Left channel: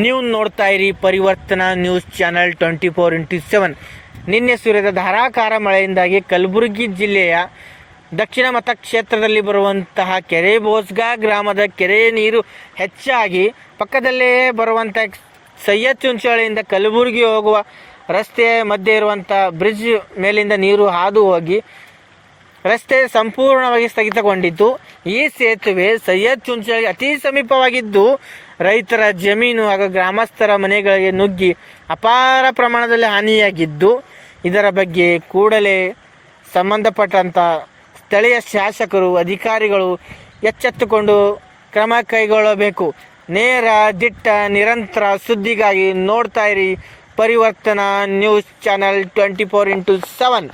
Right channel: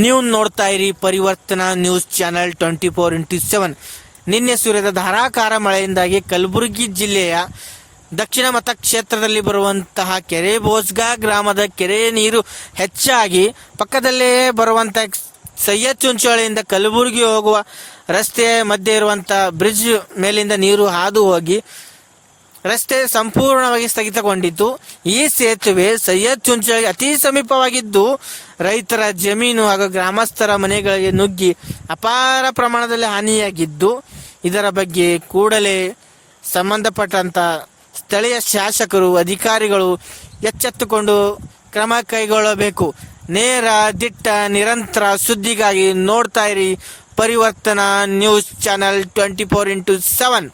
ನೀವು ನೋಡ್ತಾ ಇರಿ ಪರಿವರ್ತನಾ ನ್ಯೂಸ್ ಚಾನೆಲ್ 24x7. ನಿನ್ನೆ ಸುರಿದ ಧಾರಾಕಾರ ಮಳೆಯಿಂದಾಗಿ ಕಲಬುರಗಿ ಜಿಲ್ಲೆಯ ದಕ್ಷಿಣ ಮತಕ್ಷೇತ್ರದಲ್ಲಿ ಬರುವಂತಹ ಕೆರೆ ಬೋಸ್ಗಾ ಗ್ರಾಮದ ಕೆರೆ ನೀರು ಹೆಚ್ಚಾಗಿ ಪಕ್ಕದಲ್ಲೇ ಬರುವಂಥ ಸೈಯದ್ ಚುಂಚೋಳಿಯಿಂದ ಕಲಬುರಗಿ ಹೋಗುವ ರಸ್ತೆಯ ಮಧ್ಯೆ ಇರುವಂಥ ಬ್ರಿಡ್ಜ್ ಮೇಲಿಂದ ನೀರು ಹಾದು ಹೋಗಿ ರಸ್ತೆ ಸಂಪೂರ್ಣವಾಗಿ ಸ್ಥಗಿತಗೊಂಡಿದ್ದು, ಈ ಸೇತುವೆ ಸೈಯದ್ ಚುಂಚೋಳಿ ಅತಿ ಸಮೀಪವಾಗಿದ್ದು ರೈತರ ಜಮೀನು ಹಾಗೂ ಗ್ರಾಮಸ್ಥರ ಮನೆಗಳಿಗೆ ನುಗ್ಗಿ ಅಪಾರ ಪ್ರಮಾಣದಲ್ಲಿ ಹಾನಿಯಾಗಿದ್ದು, ಇದರ ಬಗ್ಗೆ ಕೂಡಲೇ ಸಂಬಂಧಪಟ್ಟಂಥ ಸ್ಥಳೀಯ ಶಾಸಕರು ಅಧಿಕಾರಿಗಳು ಎಚ್ಚೆತ್ತುಕೊಂಡು ಕ್ರಮ ಕೈಗೊಳ್ಳಬೇಕು. ನೇರ ದಿಟ್ಟ ನಿರಂತರ ಸುದ್ದಿಗಾಗಿ ನೋಡ್ತಾ ಇರಿ ಪರಿವರ್ತನಾ ನ್ಯೂಸ್ ಚಾನೆಲ್ 24x7.